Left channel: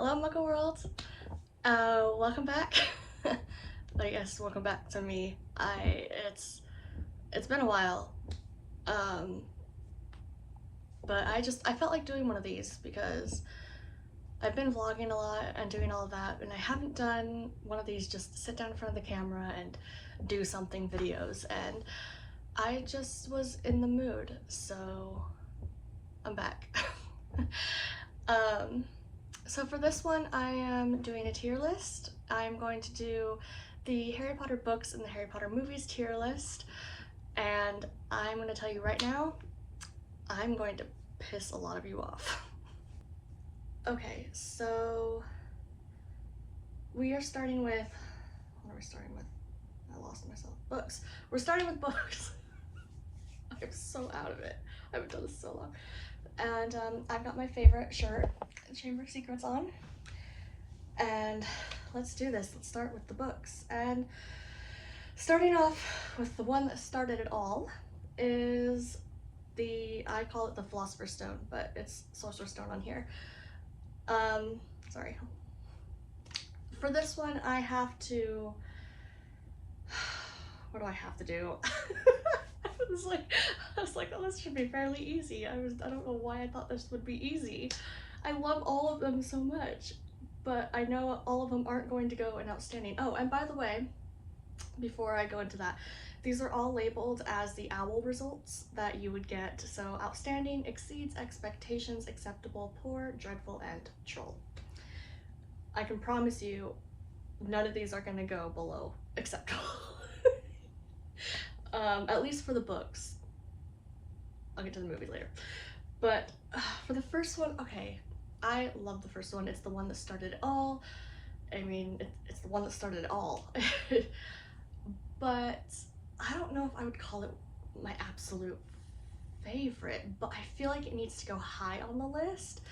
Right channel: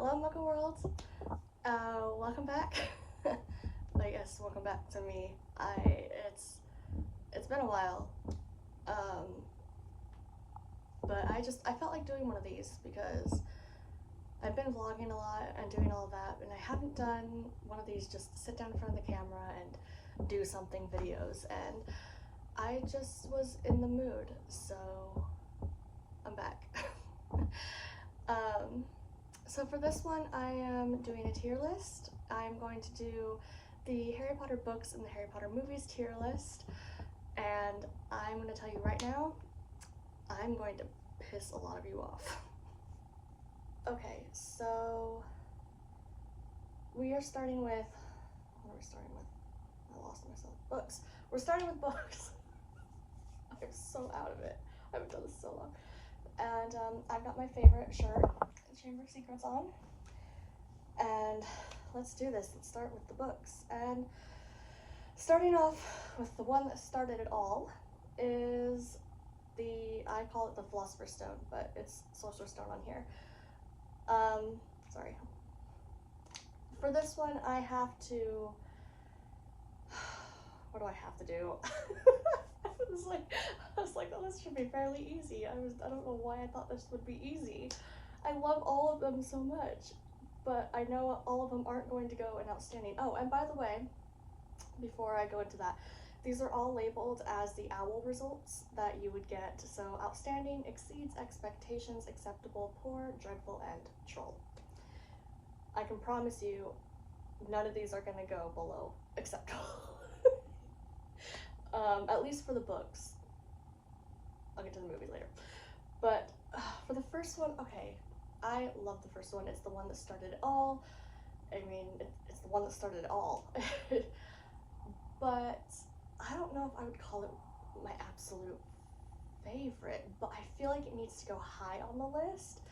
Hello, Muggle World. Welcome back. I guess welcome back to me. It's been a while, um, but I felt like doing one of these because I've been vlogging a lot and doing all of that, and I haven't done one of these just sit down in front of the camera and do something videos, and I just was in the mood, so I'm back. um, So for this one, I am doing a tier list. I'm going to do the Harry Potter books and the Harry Potter movies tier list. And I'm going to tell you right now, I'm going to piss a lot of you off. Okay, so we are starting with, what are we starting with? I lost myself. Books. We're starting with books. I'm so out of it. I haven't done this so long. And I've got my favorite shirt, Chamber of Secrets, on. And let's do this. Let's start with the books. And starting off with the one that started it all is I call it the Philosopher's Stone, but it's Sorcerer's Stone on here. Sorry. For this one, I have to, what do I have to do? I was like, oh, this should be fairly easy. I don't know why I thought this would be easy. I love all of them so much, but I know all of them aren't going to go in outstanding. Oh, and by the way, before I go into that, these are all labeled as the OWL results that you would get. So outstanding, exceeds expectations, acceptable, poor, dreadful, and troll. I can promise you none of these are going to go below acceptable. At least for the books. I'll get to the movie later. But for the first one, okay, I love the first one. It's the one that started it all. I mean, it's the one that started it all. But I don't know if I would call it my absolute favorite, but I feel like it needs to go high on the list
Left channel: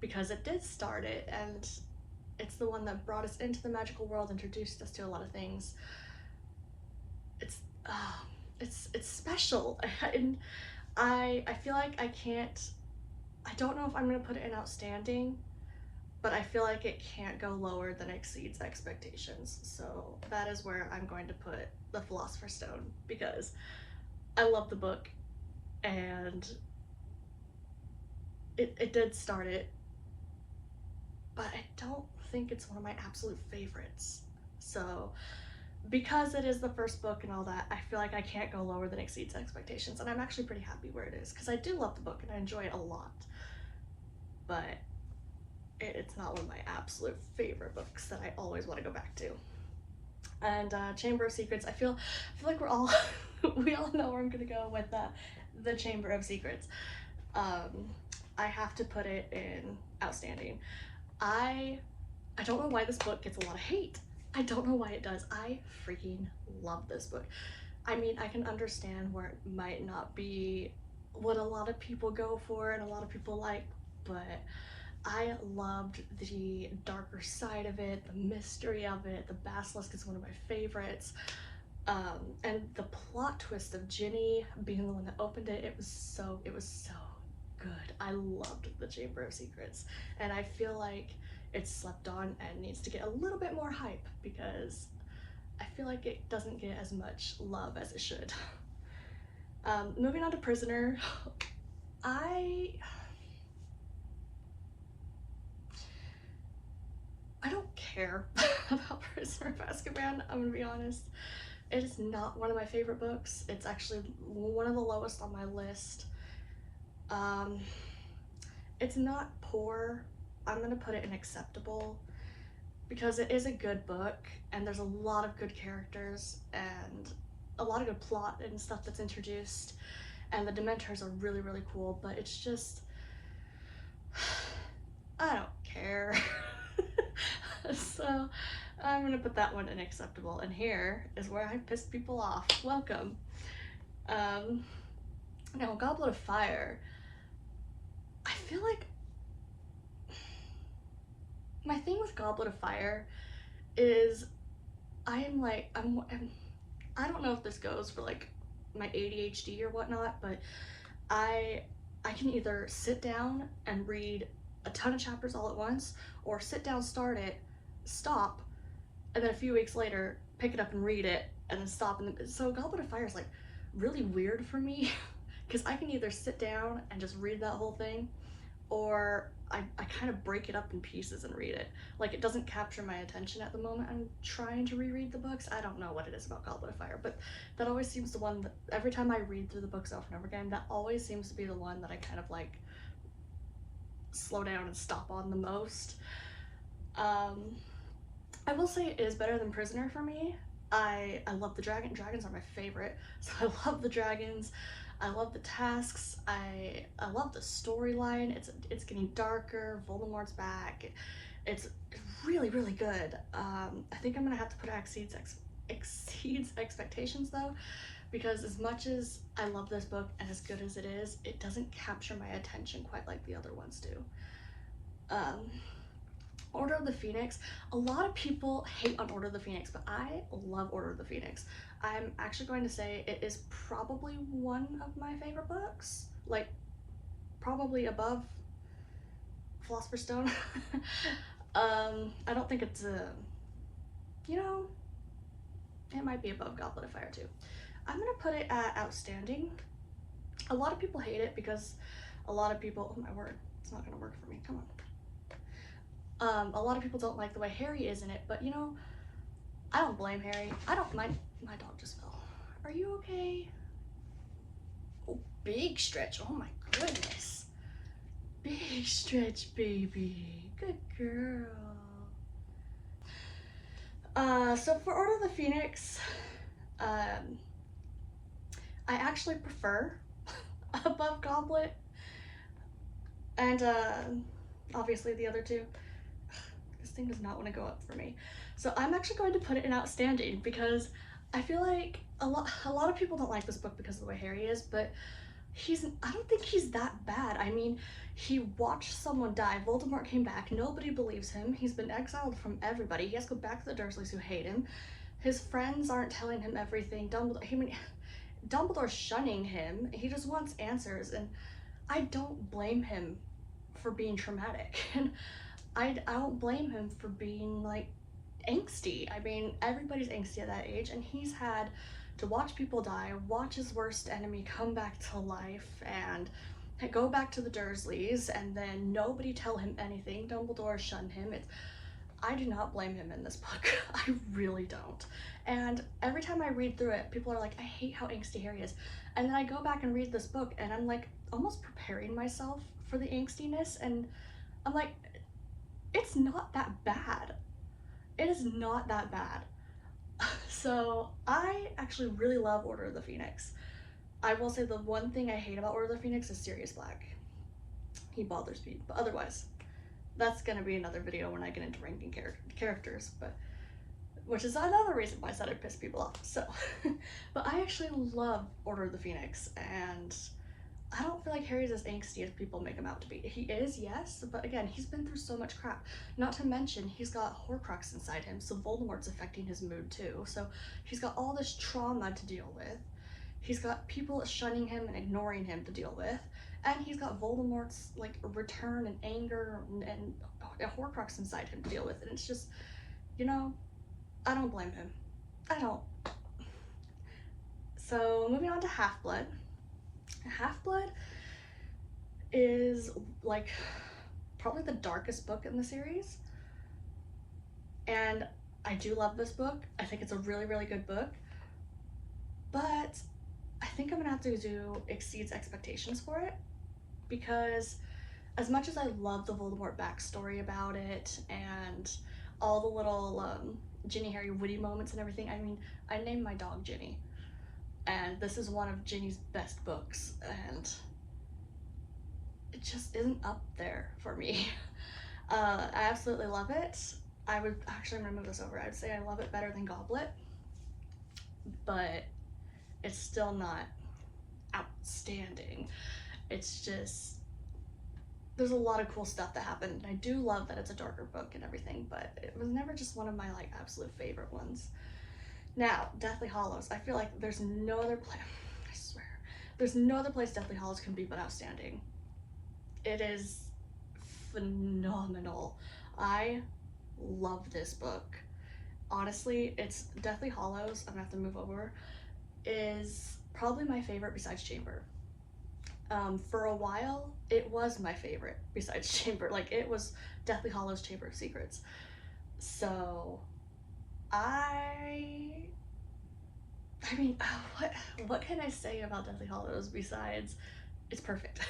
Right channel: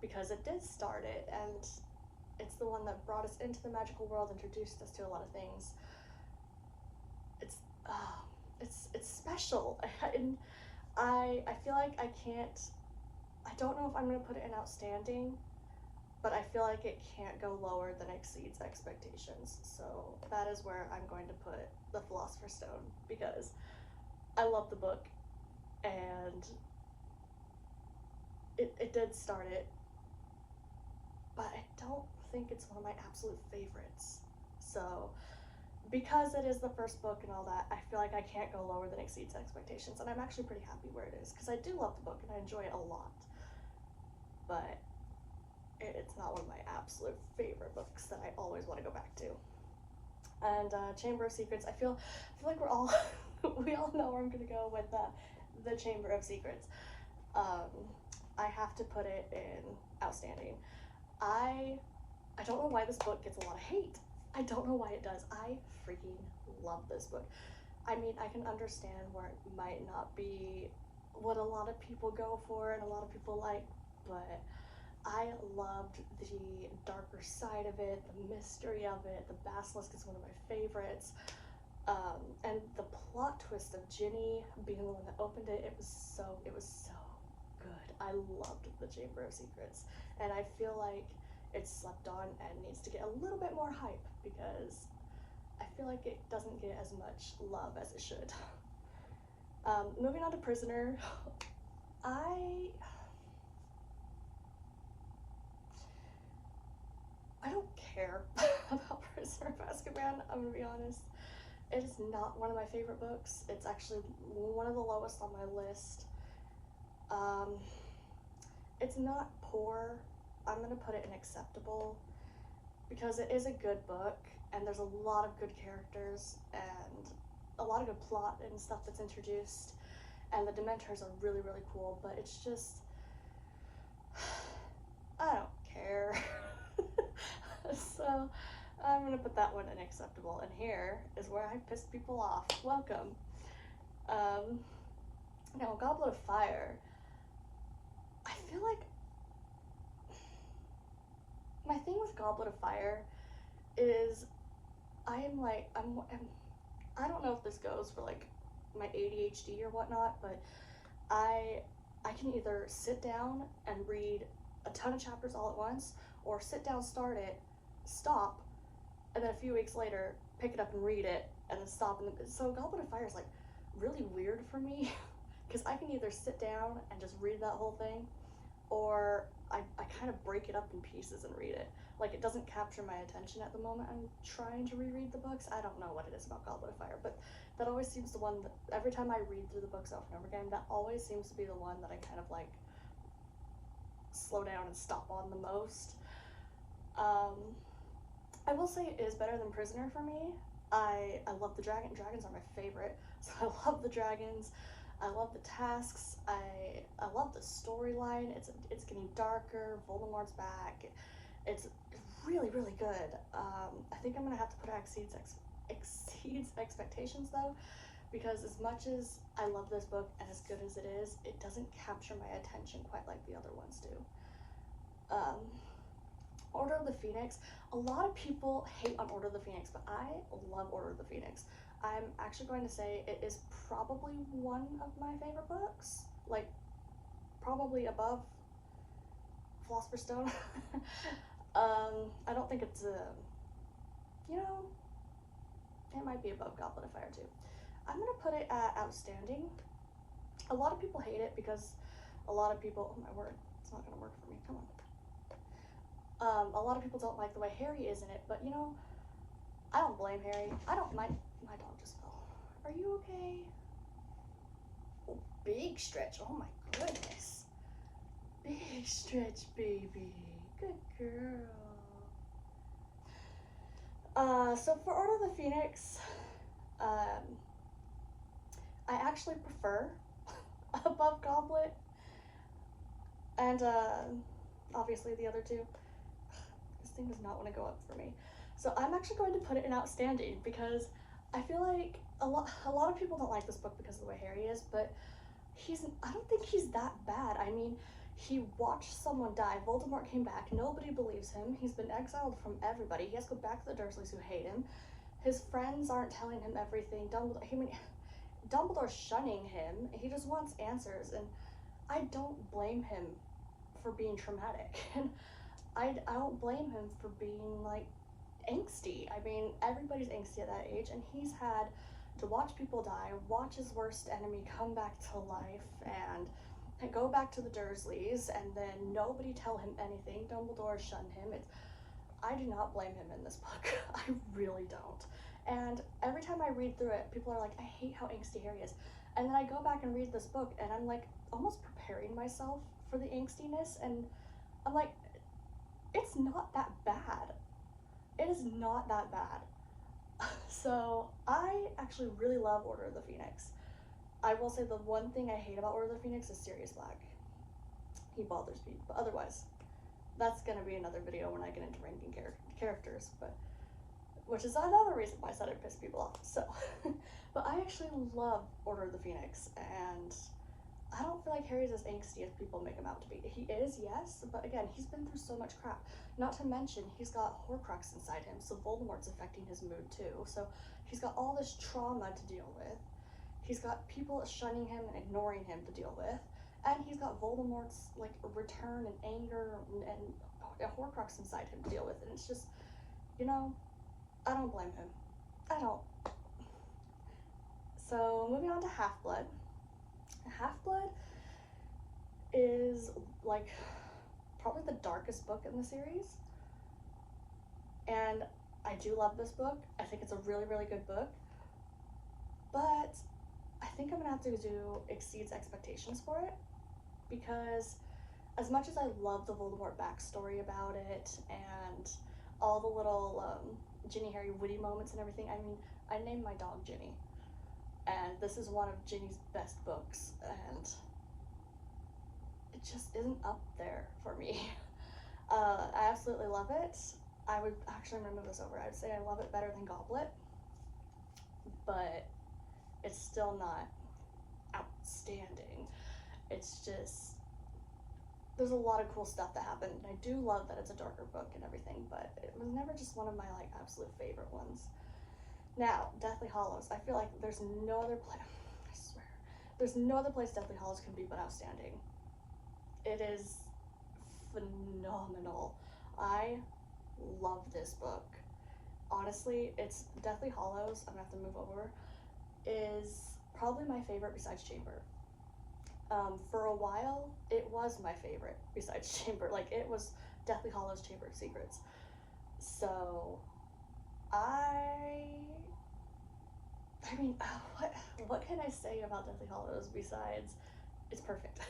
because it did start it, and it's the one that brought us into the magical world, introduced us to a lot of things. It's it's special, and I feel like I don't know if I'm gonna put it in outstanding, but I feel like it can't go lower than exceeds expectations. So that is where I'm going to put the Philosopher's Stone because I love the book and it did start it, but I don't think it's one of my absolute favorites. So because it is the first book and all that, I feel like I can't go lower than exceeds expectations, and I'm actually pretty happy where it is because I do love the book and I enjoy it a lot, but it's not one of my absolute favorite books that I always want to go back to. And Chamber of Secrets, I feel like we're all we all know where I'm gonna go with the Chamber of Secrets. I have to put it in outstanding. I don't know why this book gets a lot of hate. I don't know why it does. I freaking love this book. I mean, I can understand where it might not be what a lot of people go for and a lot of people like, but I loved the darker side of it, the mystery of it. The basilisk is one of my favorites. And the plot twist of Ginny being the one that opened it, it was so good. I loved the Chamber of Secrets, and I feel like it's slept on and needs to get a little bit more hype because I feel like it doesn't get as much love as it should. Moving on to Prisoner, I don't care about Prisoner of Azkaban, I'm gonna be honest. It is not one of my favorite books. It's actually one of the lowest on my list. Um, it's not poor. I'm gonna put it in acceptable because it is a good book and there's a lot of good characters and a lot of good plot and stuff that's introduced, and the Dementors are really cool, but it's just I don't care. So I'm gonna put that one in acceptable, and here is where I pissed people off. Welcome. Now Goblet of Fire, I feel like my thing with Goblet of Fire is I don't know if this goes for like my ADHD or whatnot, but I can either sit down and read a ton of chapters all at once, or sit down, start it, stop, and then a few weeks later pick it up and read it, and then stop. And then, so Goblet of Fire is like really weird for me because I can either sit down and just read that whole thing, or I kind of break it up in pieces and read it. Like, it doesn't capture my attention at the moment I'm trying to reread the books. I don't know what it is about Goblet of Fire, but that always seems the one that every time I read through the books over and over again, that always seems to be the one that I kind of like slow down and stop on the most. I will say it is better than Prisoner for me. I love the dragons are my favorite, so I love the dragons. I love the tasks. I love the storyline. It's getting darker. Voldemort's back. It's really really good. I think I'm gonna have to put exceeds expectations though, because as much as I love this book and as good as it is, it doesn't capture my attention quite like the other ones do. Um, Order of the Phoenix. A lot of people hate on Order of the Phoenix, but I love Order of the Phoenix. I'm actually going to say it is probably one of my favorite books. Like, probably above Philosopher's Stone. I don't think it's you know, it might be above Goblet of Fire too. I'm gonna put it at outstanding. A lot of people hate it because a lot of people, oh my word, it's not gonna work for me, come on. A lot of people don't like the way Harry is in it, but you know, I don't blame Harry. I don't mind. My dog just fell. Are you okay? Oh, big stretch. Oh my goodness. Big stretch, baby. Good girl. So for Order of the Phoenix, I actually prefer above Goblet, and obviously the other two. This thing does not want to go up for me. So I'm actually going to put it in outstanding because I feel like a lot of people don't like this book because of the way Harry is, but I don't think he's that bad. I mean, he watched someone die. Voldemort came back. Nobody believes him. He's been exiled from everybody. He has to go back to the Dursleys who hate him. His friends aren't telling him everything. Dumbledore's shunning him. He just wants answers, and I don't blame him for being traumatic. And I don't blame him for being like angsty. I mean, everybody's angsty at that age, and he's had to watch people die, watch his worst enemy come back to life, and go back to the Dursleys, and then nobody tell him anything. Dumbledore shun him. I do not blame him in this book. I really don't. And every time I read through it, people are like, I hate how angsty Harry is. And then I go back and read this book, and I'm like almost preparing myself for the angstiness, and I'm like, it's not that bad. It is not that bad. So I actually really love Order of the Phoenix. I will say the one thing I hate about Order of the Phoenix is Sirius Black. He bothers me, but otherwise, that's gonna be another video when I get into ranking characters, but which is another reason why I said I'd piss people off. So, but I actually love Order of the Phoenix, and I don't feel like Harry's as angsty as people make him out to be. He is, yes, but again, he's been through so much crap. Not to mention, he's got Horcrux inside him, so Voldemort's affecting his mood too. So he's got all this trauma to deal with. He's got people shunning him and ignoring him to deal with. And he's got Voldemort's like return and anger and a Horcrux inside him to deal with. And it's just, you know, I don't blame him. I don't. So moving on to Half-Blood. Half-Blood is like probably the darkest book in the series, and I do love this book. I think it's a really really good book, but I think I'm gonna have to do exceeds expectations for it, because as much as I love the Voldemort backstory about it and all the little Ginny Harry witty moments and everything, I mean, I named my dog Ginny, and this is one of Ginny's best books, and it just isn't up there for me. I absolutely love it. I would actually, I'm gonna move this over. I'd say I love it better than Goblet, but it's still not outstanding. It's just, there's a lot of cool stuff that happened, and I do love that it's a darker book and everything, but it was never just one of my like absolute favorite ones. Now, Deathly Hallows. I feel like there's no other place, I swear, there's no other place Deathly Hallows can be but outstanding. It is phenomenal. I love this book. Honestly, it's Deathly Hollows. I'm gonna have to move over. Is probably my favorite besides Chamber. For a while, it was my favorite besides Chamber. Like it was Deathly Hollows, Chamber of Secrets. So I I mean, what can I say about Deathly Hollows besides it's perfect.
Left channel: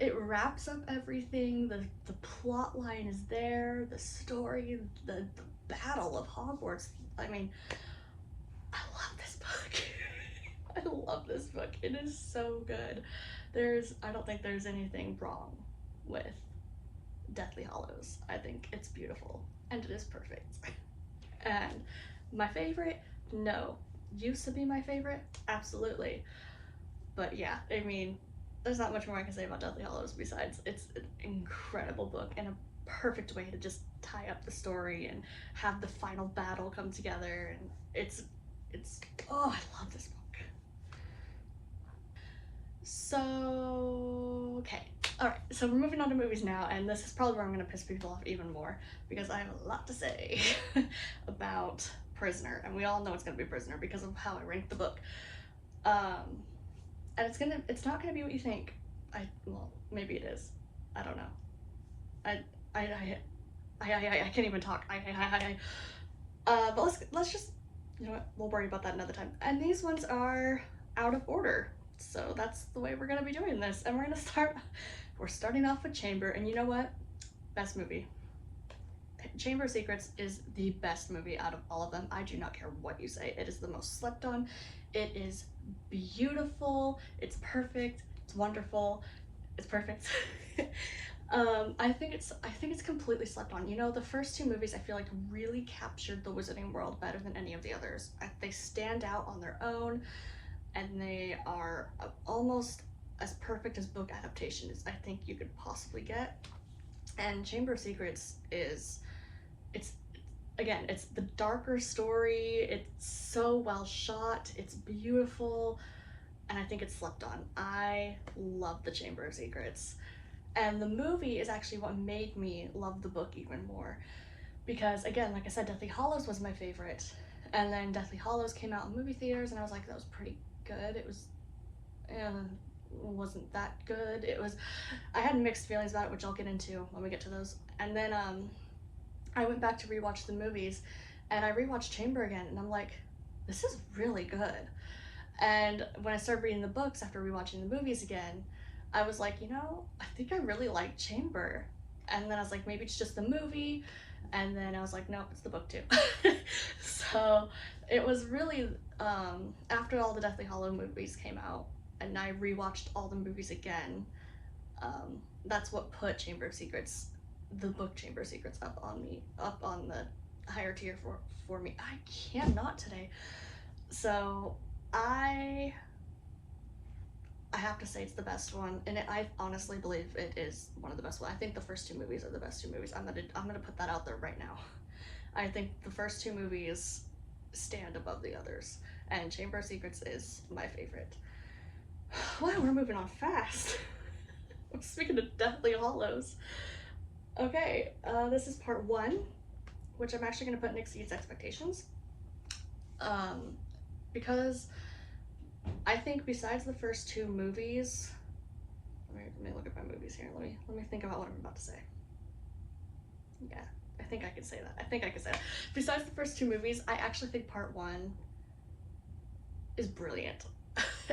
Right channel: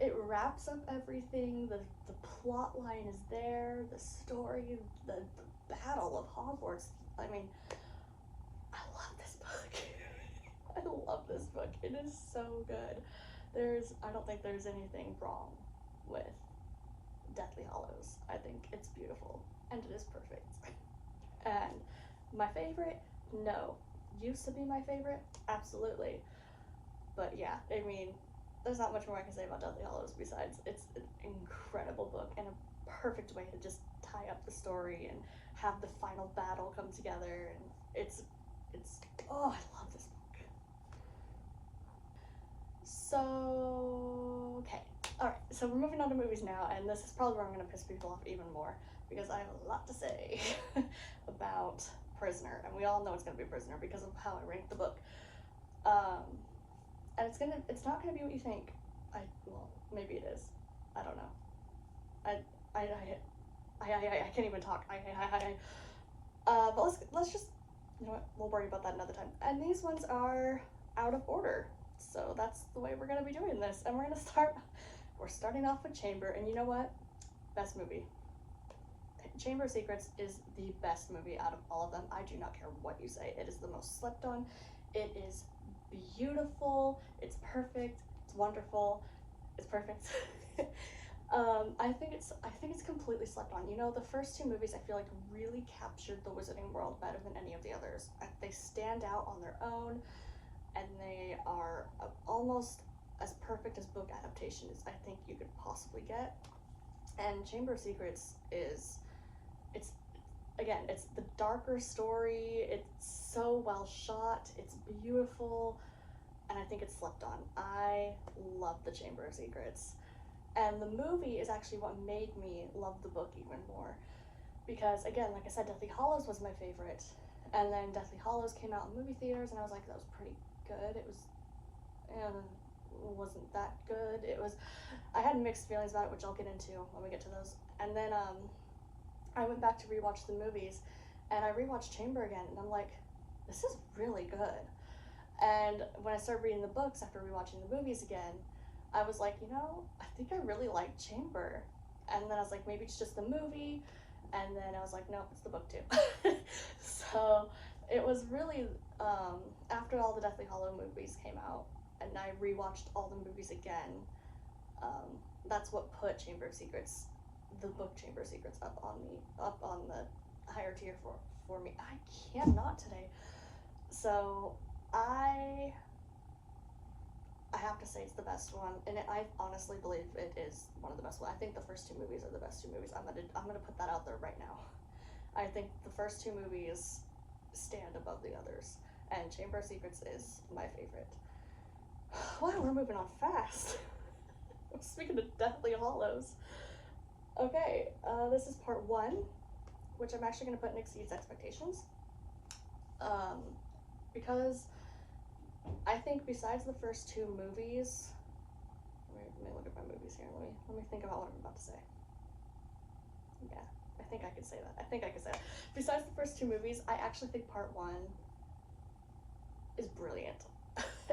It wraps up everything. The plot line is there. The story, the battle of Hogwarts. I mean, I love this book. I love this book. It is so good. I don't think there's anything wrong with Deathly Hollows. I think it's beautiful and it is perfect. And my favorite, no. Used to be my favorite, absolutely. But yeah, I mean, there's not much more I can say about Deathly Hollows besides it's an incredible book and a perfect way to just tie up the story and have the final battle come together. And it's oh, I love this book. So okay, all right. So we're moving on to movies now, and this is probably where I'm gonna piss people off even more because I have a lot to say about Prisoner, and we all know it's gonna be Prisoner because of how I ranked the book. Um, and it's not gonna be what you think. Well, maybe it is. I don't know. I I I I can't even talk. But let's just, you know what, we'll worry about that another time. And these ones are out of order, so that's the way we're gonna be doing this. And we're starting off with Chamber, and you know what? Best movie. Chamber of Secrets is the best movie out of all of them. I do not care what you say. It is the most slept on. It is beautiful. It's perfect. It's wonderful. It's perfect. I think it's completely slept on. You know, the first two movies I feel like really captured the Wizarding World better than any of the others. They stand out on their own, and they are almost as perfect as book adaptations I think you could possibly get. And Chamber of Secrets is it's again, it's the darker story. It's so well shot. It's beautiful, and I think it's slept on. I love the Chamber of Secrets. And the movie is actually what made me love the book even more. Because, again, like I said, Deathly Hollows was my favorite. And then Deathly Hollows came out in movie theaters, and I was like, that was pretty good. Wasn't that good. I had mixed feelings about it, which I'll get into when we get to those. And then I went back to rewatch the movies, and I rewatched Chamber again, and I'm like, this is really good. And when I started reading the books after rewatching the movies again, I was like, you know, I think I really like Chamber. And then I was like, maybe it's just the movie. And then I was like, nope, it's the book too. So it was really, after all the Deathly Hollow movies came out, and I rewatched all the movies again, um, that's what put Chamber of Secrets, the book Chamber of Secrets, up on the higher tier for me. I cannot today. So I I have to say it's the best one, and I honestly believe it is one of the best ones. I think the first two movies are the best two movies. I'm gonna put that out there right now. I think the first two movies stand above the others, and Chamber of Secrets is my favorite. Wow, we're moving on fast. Speaking of Deathly Hollows. Okay, this is part one, which I'm actually gonna put Nick Exceeds Expectations. Um, because I think besides the first two movies, let me look at my movies here. Let me think about what I'm about to say. Yeah, I think I can say that. Besides the first two movies, I actually think part one is brilliant.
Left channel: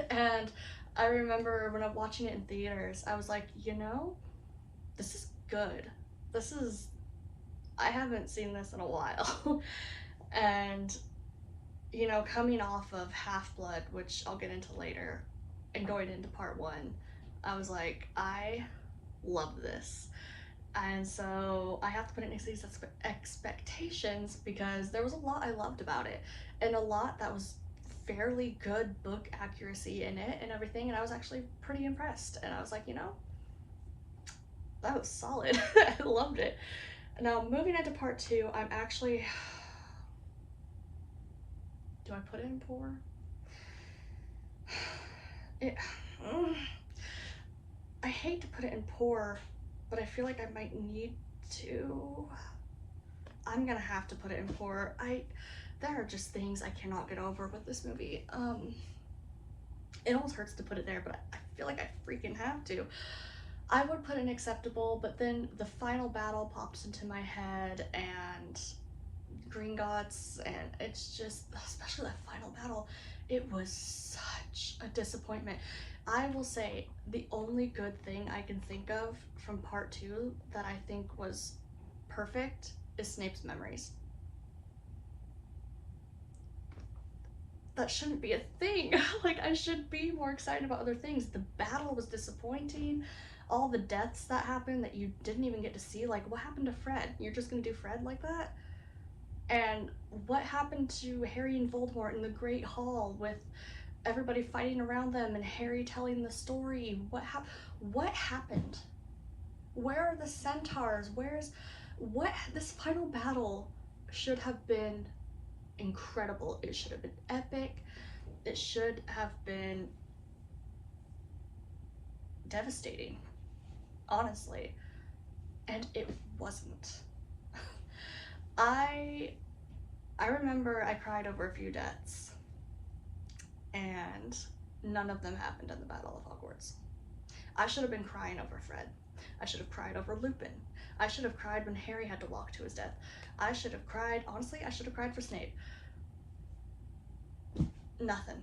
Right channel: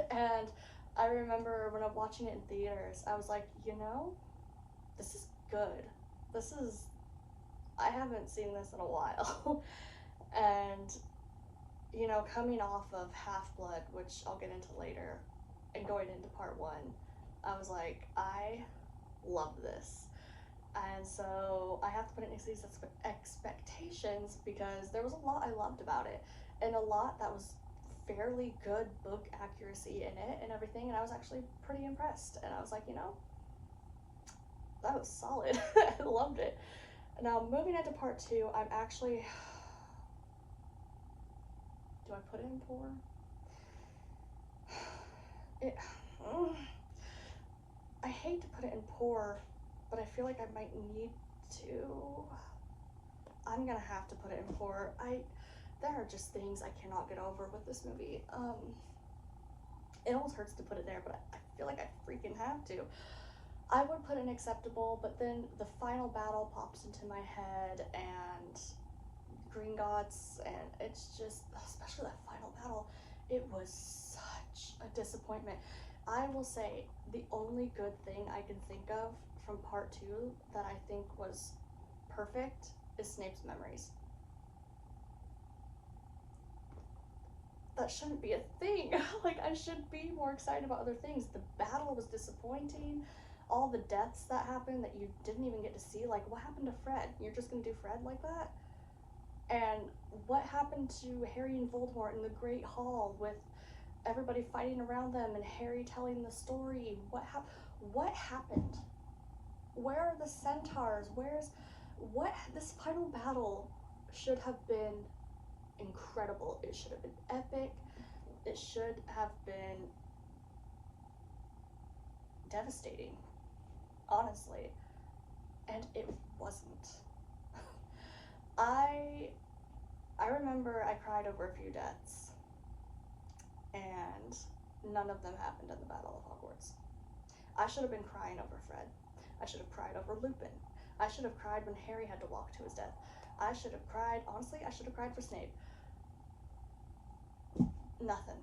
And I remember when I'm watching it in theaters, I was like, you know, this is good. I haven't seen this in a while. And you know, coming off of Half Blood, which I'll get into later, and going into part one, I was like, I love this. And so I have to put it next to these expectations because there was a lot I loved about it, and a lot that was fairly good book accuracy in it and everything, and I was actually pretty impressed. And I was like, you know, that was solid. I loved it. Now, moving into part two, I'm actually. Do I put it in poor? It, I hate to put it in poor, but I feel like I might need to. I'm gonna have to put it in poor. There are just things I cannot get over with this movie. It almost hurts to put it there, but I feel like I freaking have to. I would put in acceptable, but then the final battle pops into my head and Gringotts, and it's just, especially that final battle, it was such a disappointment. I will say the only good thing I can think of from part two that I think was perfect is Snape's memories. That shouldn't be a thing. Like, I should be more excited about other things. The battle was disappointing. All the deaths that happened that you didn't even get to see, like, what happened to Fred? You're just gonna do Fred like that? And what happened to Harry and Voldemort in the Great Hall with everybody fighting around them and Harry telling the story? What happened? Where are the centaurs? This final battle should have been incredible. It should have been epic. It should have been devastating, honestly. And it wasn't. I remember I cried over a few deaths, and none of them happened in the Battle of Hogwarts. I should have been crying over Fred. I should have cried over Lupin. I should have cried when Harry had to walk to his death. I should have cried, honestly, I should have cried for Snape. Nothing.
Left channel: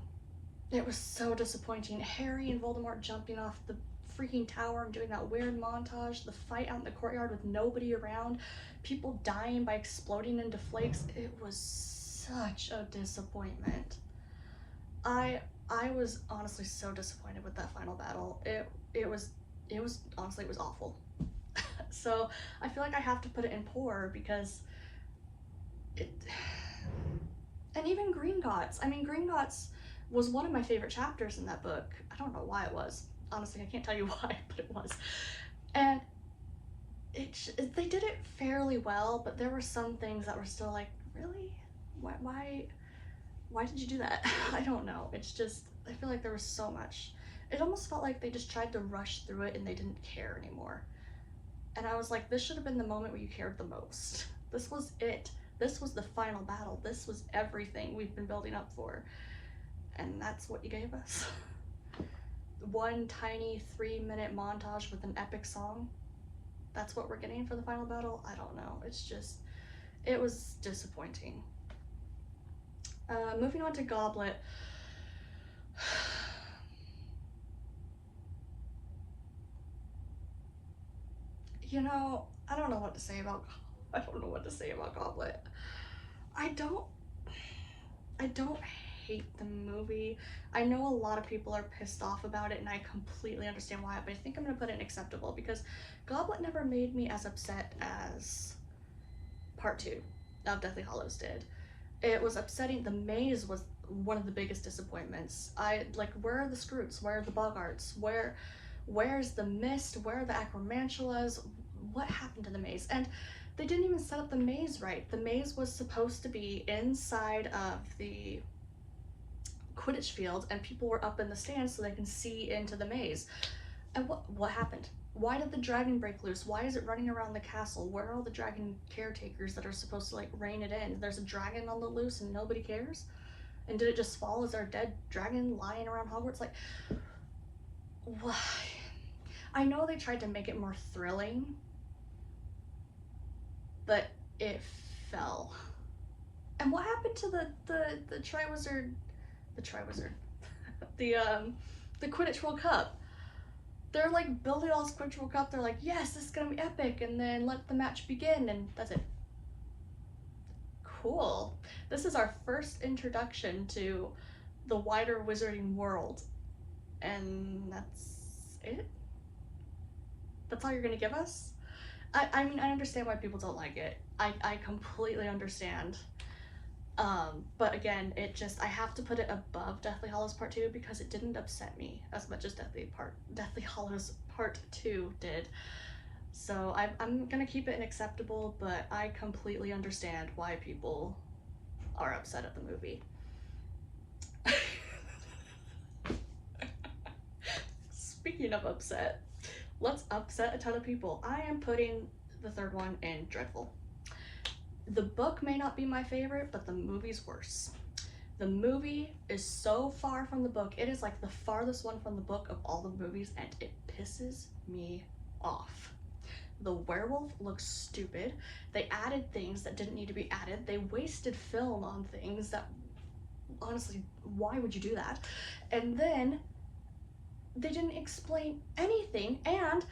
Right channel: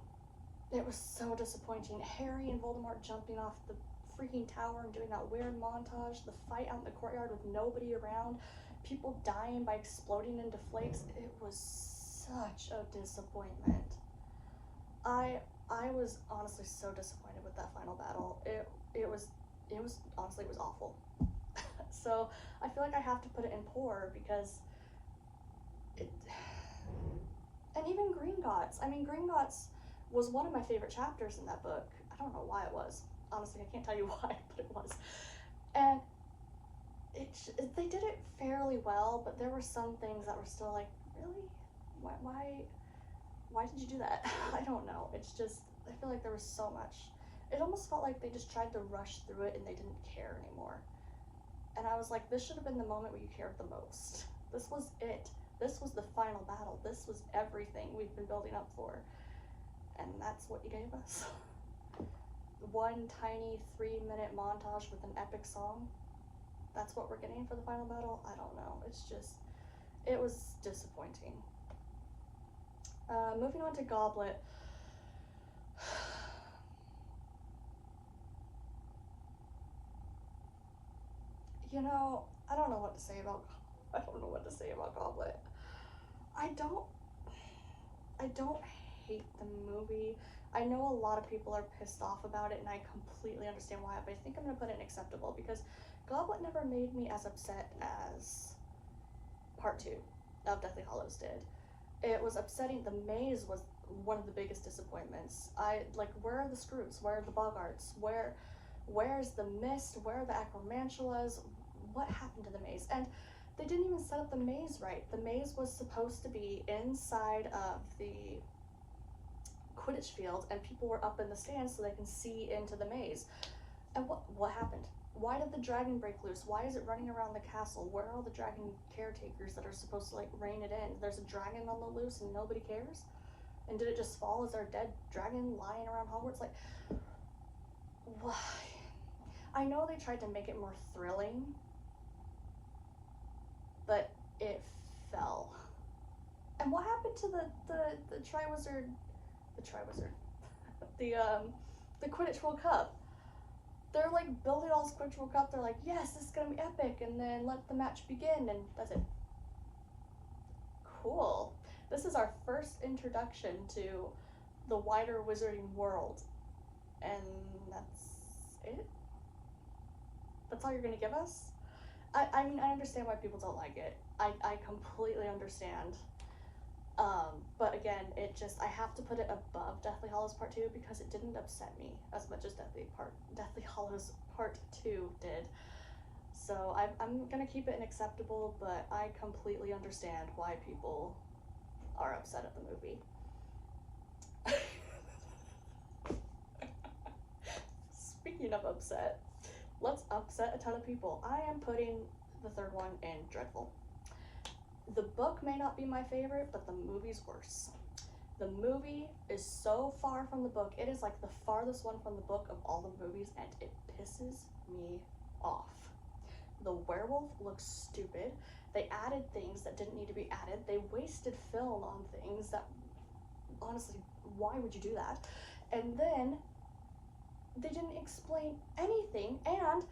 It was so disappointing. Harry and Voldemort jumping off the freaking tower and doing that weird montage, the fight out in the courtyard with nobody around, people dying by exploding into flakes. It was such a disappointment. I was honestly so disappointed with that final battle. It was honestly, it was awful. So I feel like I have to put it in poor because it. And even Gringotts. I mean, Gringotts was one of my favorite chapters in that book. I don't know why it was. Honestly, I can't tell you why, but it was. And they did it fairly well, but there were some things that were still like, really? Why did you do that? I don't know. It's just, I feel like there was so much. It almost felt like they just tried to rush through it and they didn't care anymore. And I was like, this should have been the moment where you cared the most. This was it. This was the final battle. This was everything we've been building up for. And that's what you gave us. One tiny 3-minute montage with an epic song. That's what we're getting for the final battle? I don't know. It's just, it was disappointing. Moving on to Goblet. You know, I don't know what to say about Goblet. I don't hate the movie. I know a lot of people are pissed off about it, and I completely understand why, but I think I'm gonna put it in acceptable because Goblet never made me as upset as part 2 of Deathly Hallows did. It was upsetting. The maze was one of the biggest disappointments. Where are the Scroots? Where are the Boggarts? Where's the Mist? Where are the Acromantulas? What happened to the maze? And they didn't even set up the maze right. The maze was supposed to be inside of the Quidditch field, and people were up in the stands so they can see into the maze. And what happened? Why did the dragon break loose? Why is it running around the castle? Where are all the dragon caretakers that are supposed to rein it in? There's a dragon on the loose and nobody cares? And did it just fall as our dead dragon lying around Hogwarts? Why? I know they tried to make it more thrilling, but it fell. And what happened to the Triwizard, the Quidditch World Cup? They're building all this Quidditch World Cup. They're like, yes, this is gonna be epic, and then let the match begin, and that's it. Cool. This is our first introduction to the wider wizarding world, and that's it? That's all you're gonna give us? I mean, I understand why people don't like it. I completely understand. But again, I have to put it above Deathly Hallows Part 2 because it didn't upset me as much as Deathly Hallows Part 2 did. So I'm gonna keep it an acceptable, but I completely understand why people are upset at the movie. Speaking of upset, Let's upset a ton of people. I am putting the third one in dreadful. The book may not be my favorite, but the movie's worse. The movie is so far from the book. It is like the farthest one from the book of all the movies, and it pisses me off. The werewolf looks stupid. They added things that didn't need to be added. They wasted film on things that, honestly, why would you do that? And then they didn't explain anything, and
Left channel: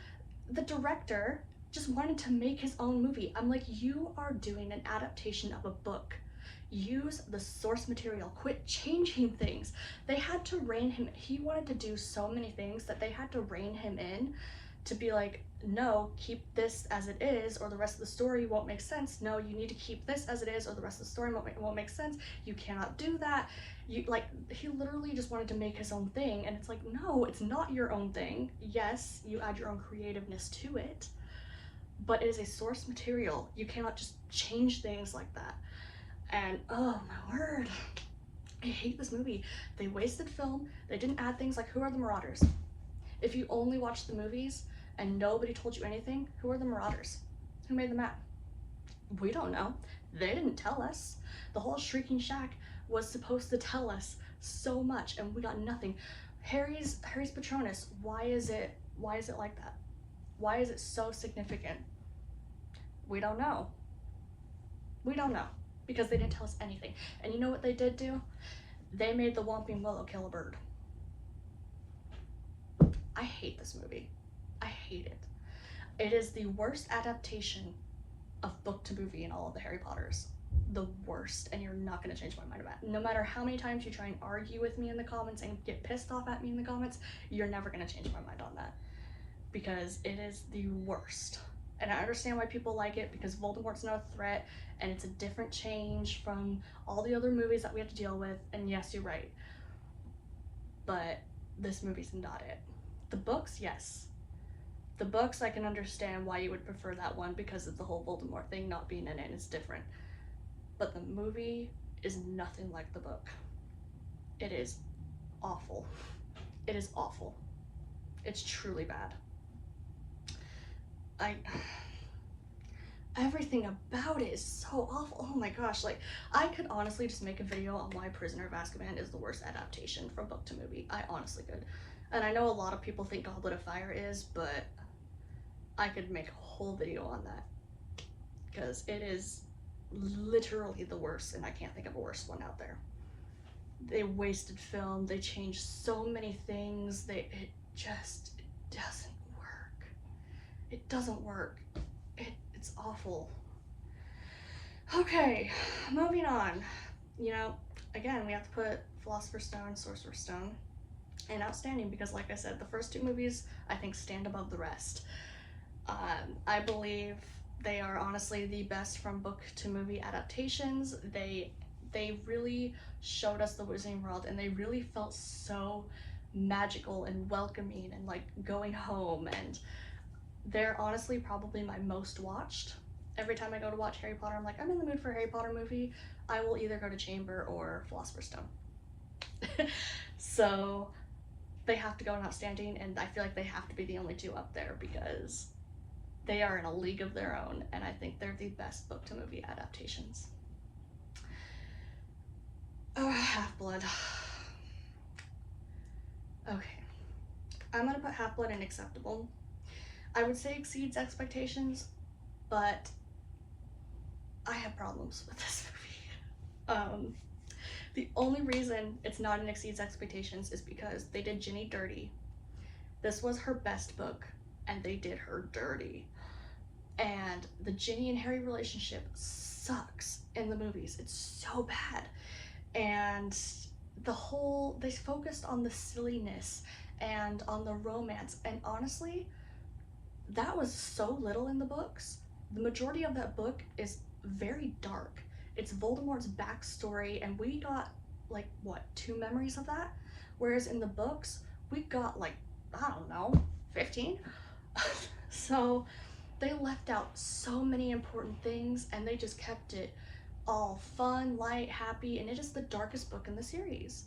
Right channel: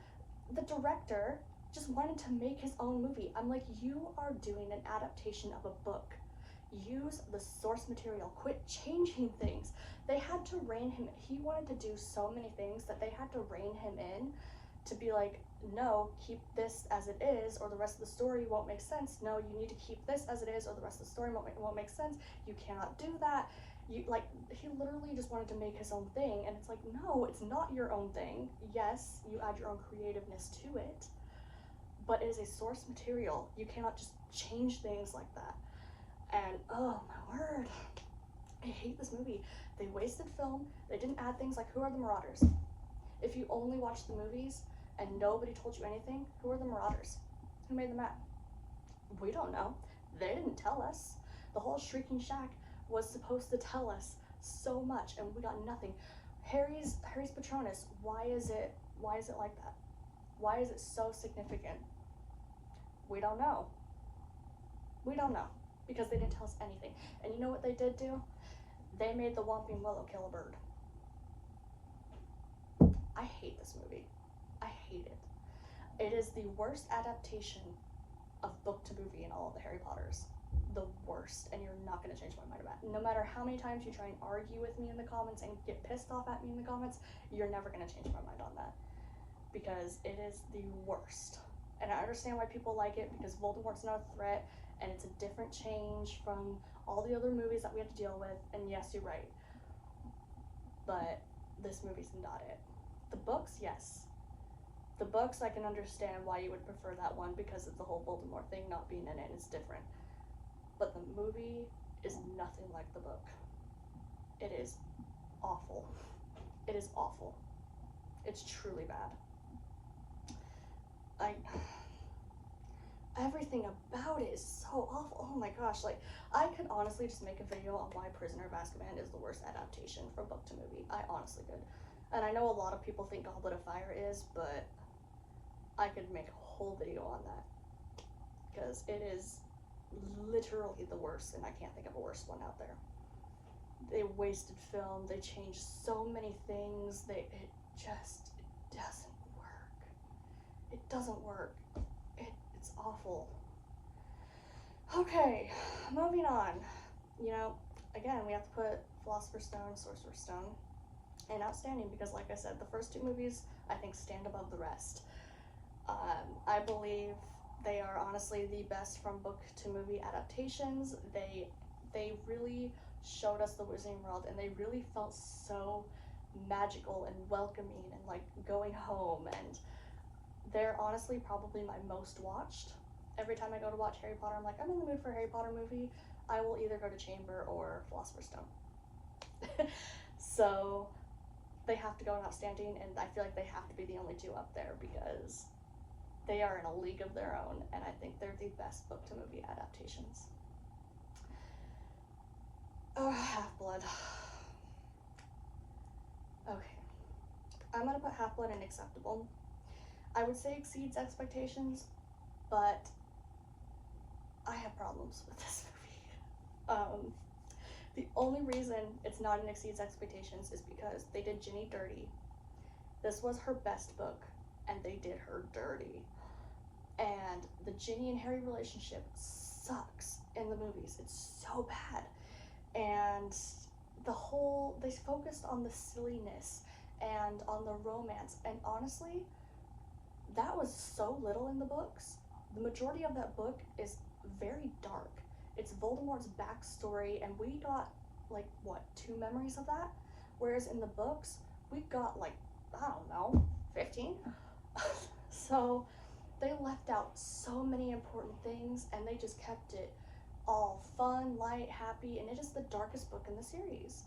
the director just wanted to make his own movie. I'm like, you are doing an adaptation of a book. Use the source material. Quit changing things. They had to rein him. He wanted to do so many things that they had to rein him in to be like, no, keep this as it is, or the rest of the story won't make sense. No, you need to keep this as it is, or the rest of the story won't make sense. You cannot do that. You like, he literally just wanted to make his own thing, and it's like, no, it's not your own thing. Yes, you add your own creativeness to it, but it is a source material. You cannot just change things like that. And oh my word, I hate this movie. They wasted film. They didn't add things like, who are the Marauders? If you only watched the movies and nobody told you anything, who are the Marauders? Who made the map? We don't know. They didn't tell us. The whole Shrieking Shack was supposed to tell us so much, and we got nothing. Harry's Patronus, why is it like that? Why is it so significant? We don't know. We don't know, because they didn't tell us anything. And you know what they did do? They made the Whomping Willow kill a bird. I hate this movie. I hate it. It is the worst adaptation of book to movie in all of the Harry Potters. The worst, and you're not going to change my mind about it. No matter how many times you try and argue with me in the comments and get pissed off at me in the comments, you're never going to change my mind on that. Because it is the worst. And I understand why people like it, because Voldemort's not a threat, and it's a different change from all the other movies that we have to deal with, and yes, you're right. But this movie's not it. The books, yes. The books, I can understand why you would prefer that one, because of the whole Voldemort thing not being in it, it's different. But the movie is nothing like the book. It is awful. It is awful. It's truly bad. Everything about it is so awful. Oh my gosh, like, I could honestly just make a video on why Prisoner of Azkaban is the worst adaptation from book to movie. I honestly could. And I know a lot of people think Goblet of Fire is, but I could make a whole video on that. Because it is literally the worst, and I can't think of a worse one out there. They wasted film, they changed so many things, it doesn't work. It doesn't work. It's awful. Okay, moving on. You know, again, we have to put Philosopher's Stone, Sorcerer's Stone, and Outstanding, because like I said, the first two movies, I think, stand above the rest. I believe they are honestly the best from book to movie adaptations. They really showed us the Wizarding World, and they really felt so magical and welcoming and like going home, and they're honestly probably my most watched. Every time I go to watch Harry Potter, I'm like, I'm in the mood for a Harry Potter movie. I will either go to Chamber or Philosopher's Stone. So they have to go in Outstanding, and I feel like they have to be the only two up there, because they are in a league of their own, and I think they're the best book to movie adaptations. Oh, Half-Blood. Okay. I'm gonna put Half-Blood in acceptable. I would say exceeds expectations, but I have problems with this movie. The only reason it's not in exceeds expectations is because they did Ginny dirty. This was her best book, and they did her dirty. And the Ginny and Harry relationship sucks in the movies. It's so bad. And they focused on the silliness and on the romance, and honestly, that was so little in the books. The majority of that book is very dark. It's Voldemort's backstory, and we got like, what, 2 memories of that? Whereas in the books, we got like, I don't know, 15? So they left out so many important things, and they just kept it all fun, light, happy, and it is the darkest book in the series.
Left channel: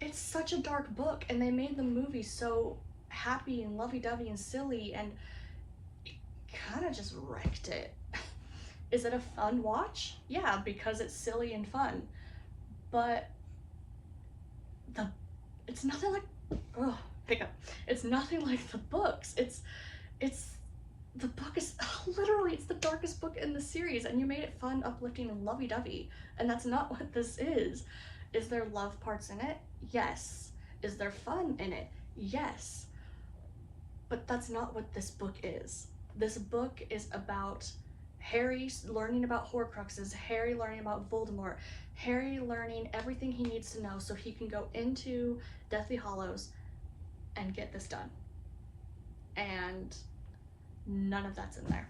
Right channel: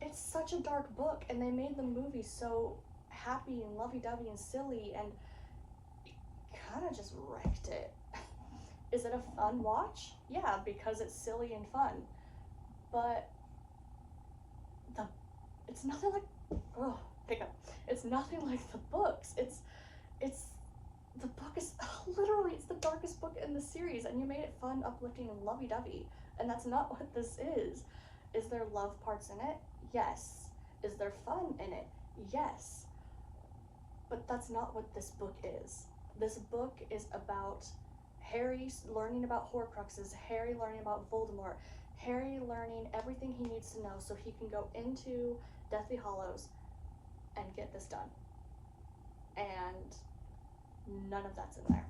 It's such a dark book, and they made the movie so happy and lovey-dovey and silly, and it kind of just wrecked it. Is it a fun watch? Yeah, because it's silly and fun. But the it's nothing like, oh, hiccup. It's nothing like the books. It's the book is literally, it's the darkest book in the series, and you made it fun, uplifting, and lovey-dovey, and that's not what this is. Is there love parts in it? Yes. Is there fun in it? Yes. But that's not what this book is. This book is about Harry learning about Horcruxes, Harry learning about Voldemort, Harry learning everything he needs to know so he can go into Deathly Hallows and get this done. And none of that's in there.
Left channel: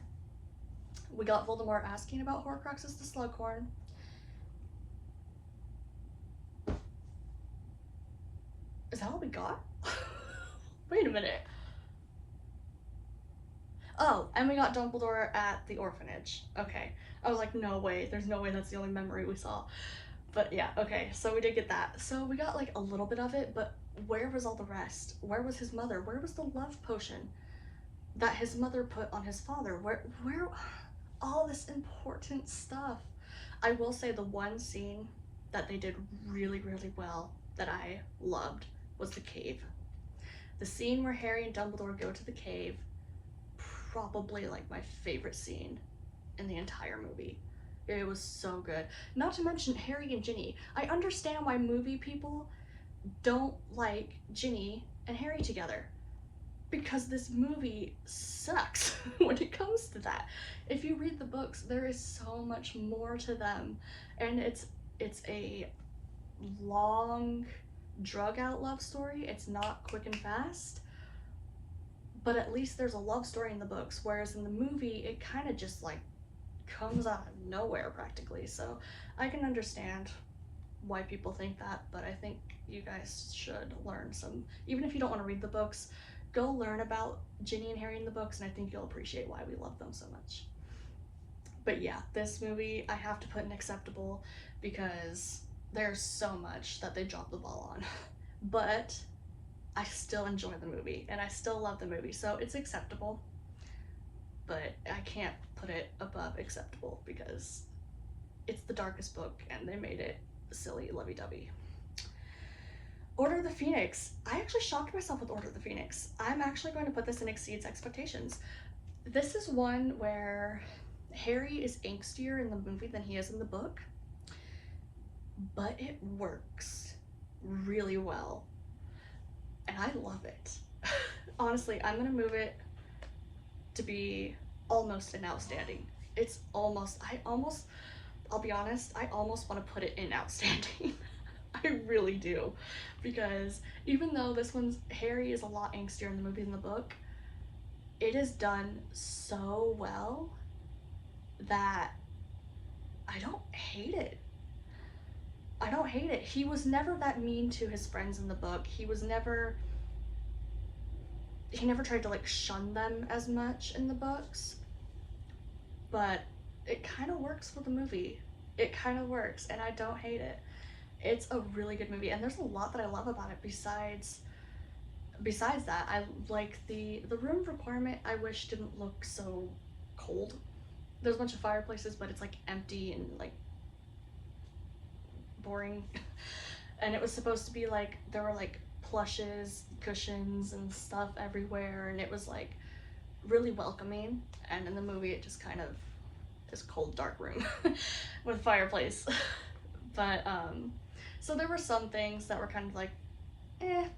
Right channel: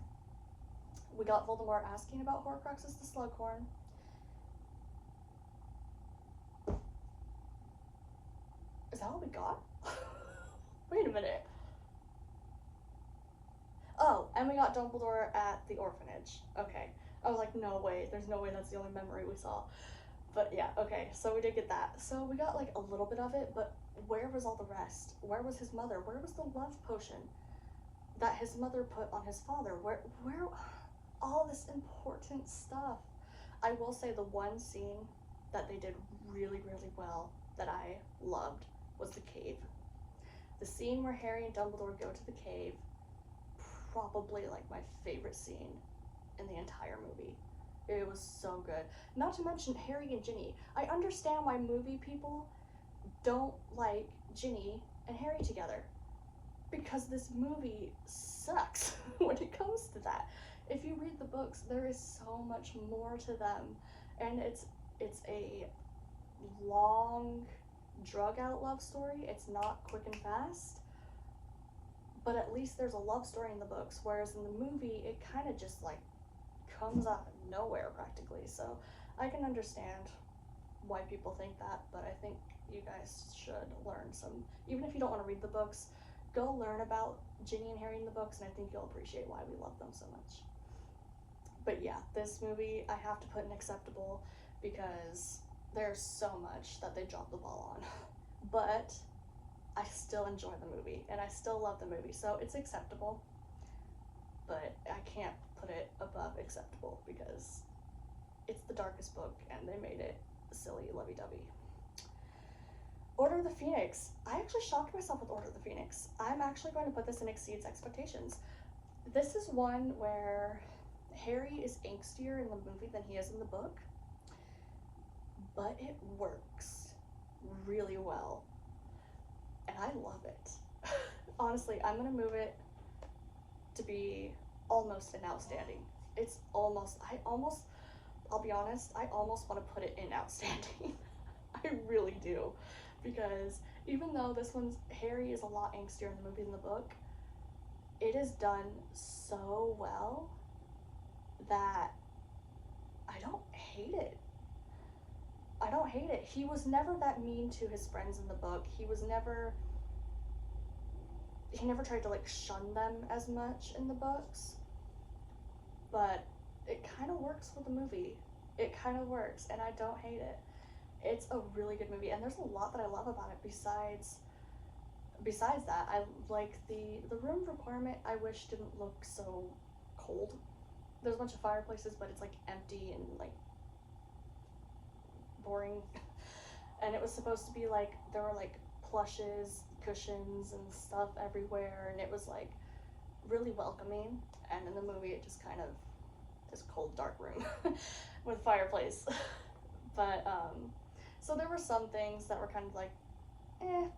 We got Voldemort asking about Horcruxes to Slughorn. Is that all we got? Wait a minute. Oh, and we got Dumbledore at the orphanage. Okay. I was like, no way. There's no way that's the only memory we saw. But yeah, okay. So we did get that. So we got like a little bit of it, but where was all the rest? Where was his mother? Where was the love potion that his mother put on his father? Where all this important stuff? I will say the one scene that they did really, really well that I loved was the cave. The scene where Harry and Dumbledore go to the cave, probably like my favorite scene in the entire movie. It was so good. Not to mention Harry and Ginny. I understand why movie people don't like Ginny and Harry together, because this movie sucks when it comes to that. If you read the books, there is so much more to them, and it's a long, drug out love story. It's not quick and fast, but at least there's a love story in the books, whereas in the movie it kind of just like comes out of nowhere practically. So I can understand why people think that, but I think you guys should learn some, even if you don't want to read the books, go learn about Ginny and Harry in the books, and I think you'll appreciate why we love them so much. But yeah, this movie I have to put in acceptable because there's so much that they dropped the ball on. But I still enjoy the movie and I still love the movie, so it's acceptable. But I can't put it above acceptable because it's the darkest book and they made it silly, lovey-dovey. Order of the Phoenix. I actually shocked myself with Order of the Phoenix. I'm actually going to put this in exceeds expectations. This is one where Harry is angstier in the movie than he is in the book, but it works really well, and I love it. Honestly, I'm gonna move it to be almost an outstanding. It's almost, I'll be honest, I almost want to put it in outstanding. I really do, because even though this one's, Harry is a lot angstier in the movie than the book, it is done so well that I don't hate it. I don't hate it. He was never that mean to his friends in the book. He never tried to like shun them as much in the books, but it kind of works for the movie. It kind of works, and I don't hate it. It's a really good movie, and there's a lot that I love about it besides that. I like the room requirement. I wish didn't look so cold. There's a bunch of fireplaces, but it's like empty and like boring. And it was supposed to be like there were like plushes, cushions, and stuff everywhere, and it was like really welcoming. And in the movie, it just kind of this cold, dark room with fireplace. But so there were some things that were kind of like,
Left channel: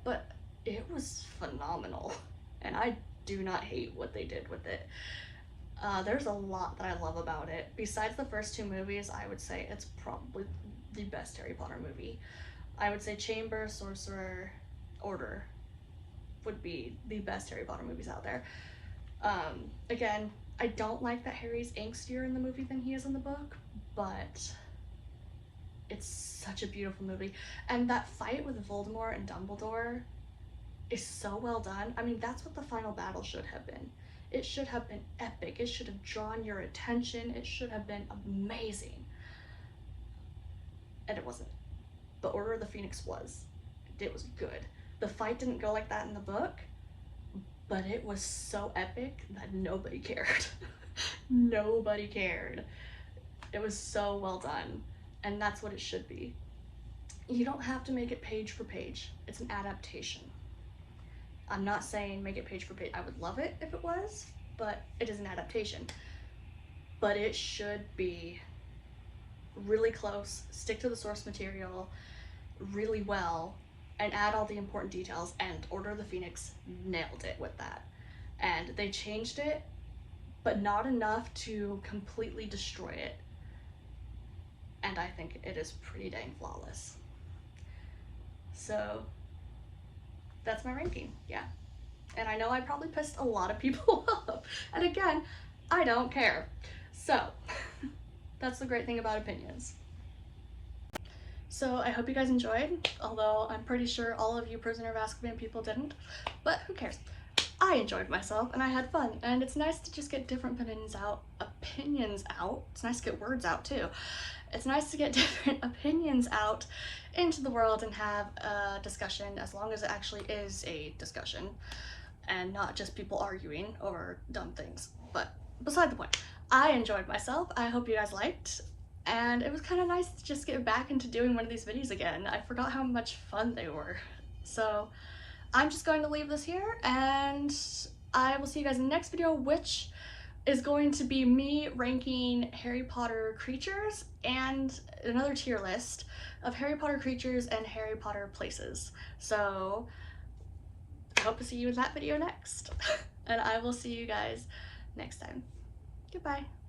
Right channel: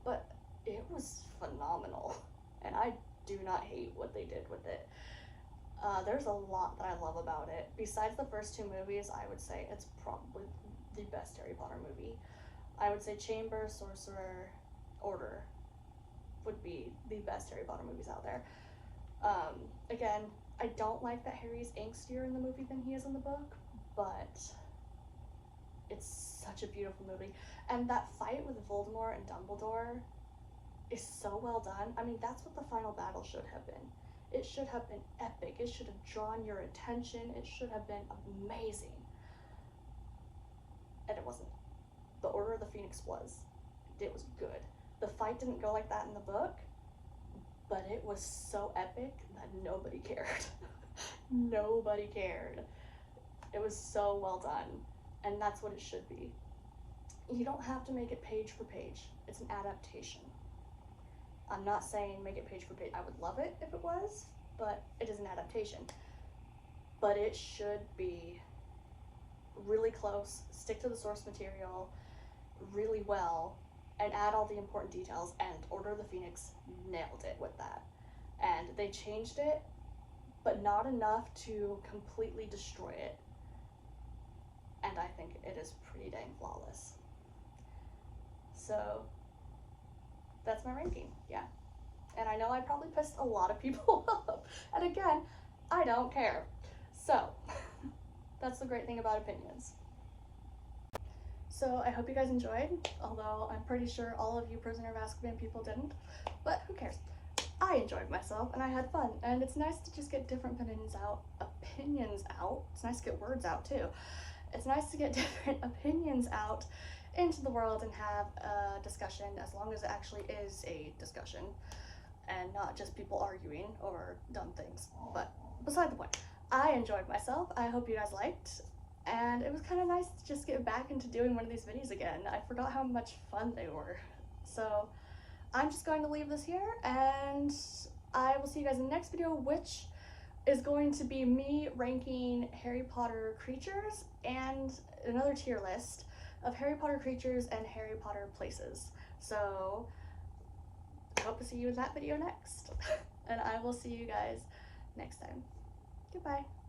but it was phenomenal, and I do not hate what they did with it. There's a lot that I love about it. Besides the first two movies, I would say it's probably the best Harry Potter movie. I would say Chamber, Sorcerer, Order would be the best Harry Potter movies out there. Again, I don't like that Harry's angstier in the movie than he is in the book, but it's such a beautiful movie. And that fight with Voldemort and Dumbledore is so well done. I mean, that's what the final battle should have been. It should have been epic. It should have drawn your attention. It should have been amazing. And it wasn't. The Order of the Phoenix was. It was good. The fight didn't go like that in the book, but it was so epic that nobody cared. Nobody cared. It was so well done, and that's what it should be. You don't have to make it page for page. It's an adaptation. I'm not saying make it page for page. I would love it if it was, but it is an adaptation. But it should be really close, stick to the source material really well, and add all the important details. And Order of the Phoenix nailed it with that. And they changed it, but not enough to completely destroy it. And I think it is pretty dang flawless. So that's my ranking, yeah. And I know I probably pissed a lot of people off. And again, I don't care. So that's the great thing about opinions. So I hope you guys enjoyed, although I'm pretty sure all of you Prisoner of Azkaban people didn't, but who cares? I enjoyed myself and I had fun, and it's nice to just get different opinions out. It's nice to get words out too. It's nice to get different opinions out into the world and have a discussion, as long as it actually is a discussion and not just people arguing over dumb things. But beside the point, I enjoyed myself. I hope you guys liked. And it was kind of nice to just get back into doing one of these videos again. I forgot how much fun they were. So I'm just going to leave this here, and I will see you guys in the next video, which is going to be me ranking Harry Potter creatures and another tier list of Harry Potter creatures and Harry Potter places. So I hope to see you in that video next. And I will see you guys next time. Goodbye.